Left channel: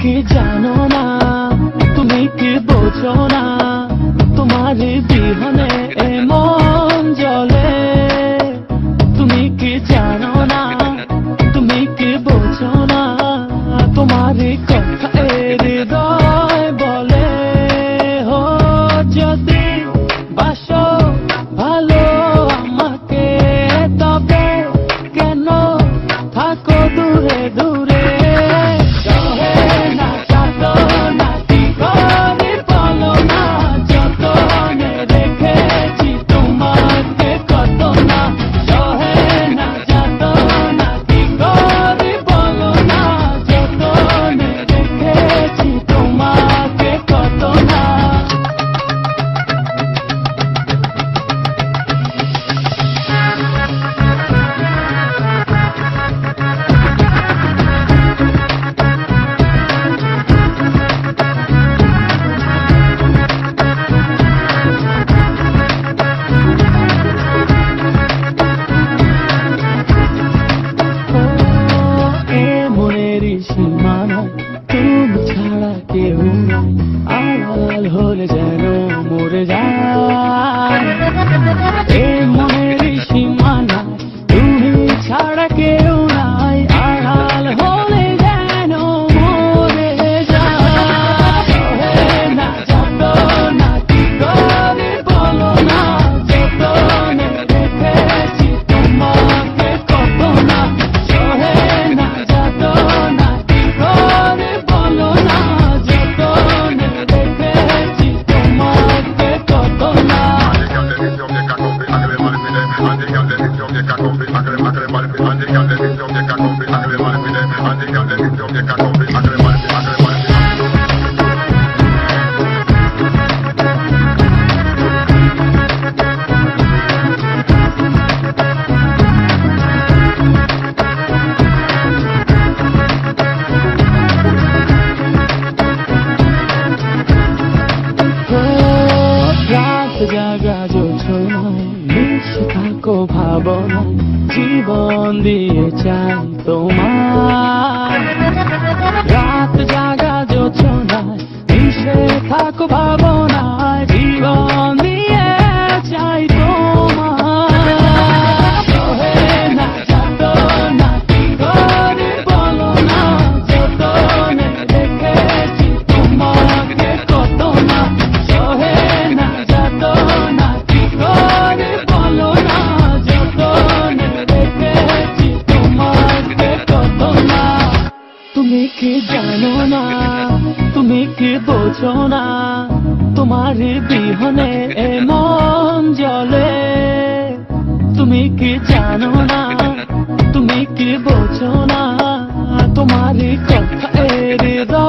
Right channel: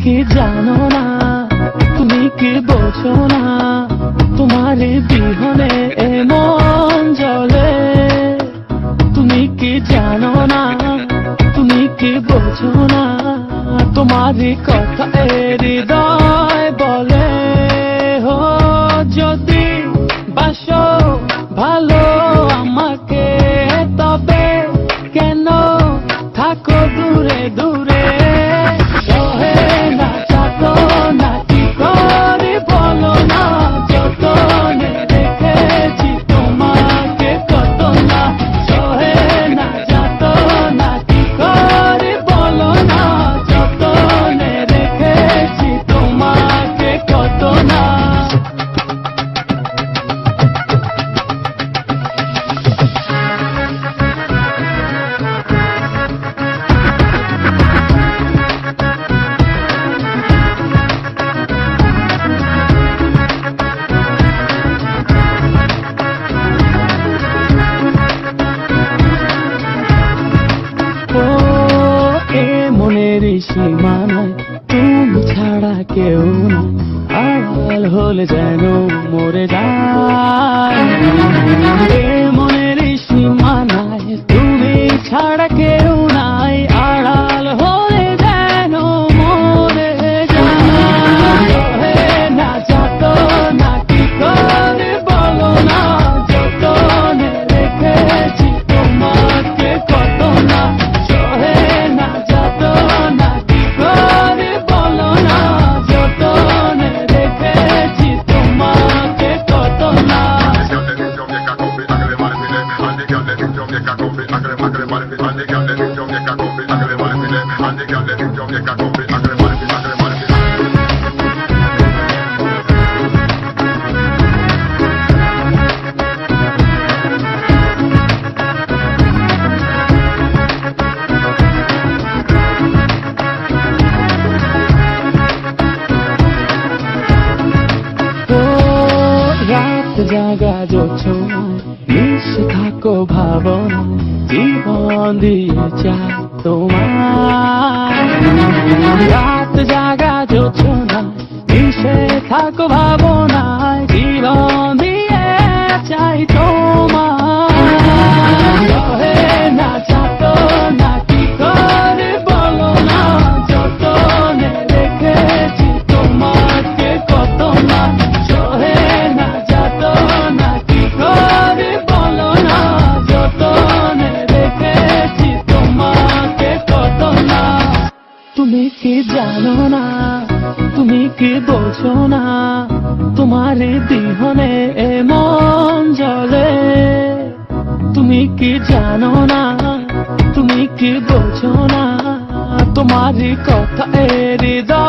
কি জানো না, তুমি কি বোঝো না, তোমার বিহনে এ মন জ্বলে। তুমি কি জানো না, তুমি কি বোঝো না, তোমার কথা হৃদয় বলে। ও যদি বাসো ভালো আমাকে, তবে কেন থাকো দূরে দূরে। তুমি ছাড়া কেউ আড়াল হলে যেন মরে যায়। এই মনের সীমানায় তুমি ছাড়া কেউ নাই, আড়াল হয়ে যেন মরে যায়। না যত না কি করে বলো না, যতনে রেখেছি তোমাকে কত না। না যত না কি করে বলো না, যতনে রেখেছি তোমাকে কত না। থাকো ভাবনা, জীবন দিয়ে চাই তোমার। রাত জাগা যোচনা, মিশে থাকো ভাবনায়, জীবন দিয়ে চাই তোমার। না যত না কি করে বলো না, যতনে রেখেছি তোমাকে কত না। না যত না কি করে বলো না, যতনে রেখেছি তোমাকে কত না। তুমি কি জানো না, তুমি কি বোঝো না, তোমার বিহনে এ মন জ্বলে। তুমি কি জানো না, তুমি কি বোঝো না, তোমার কথা হৃদয়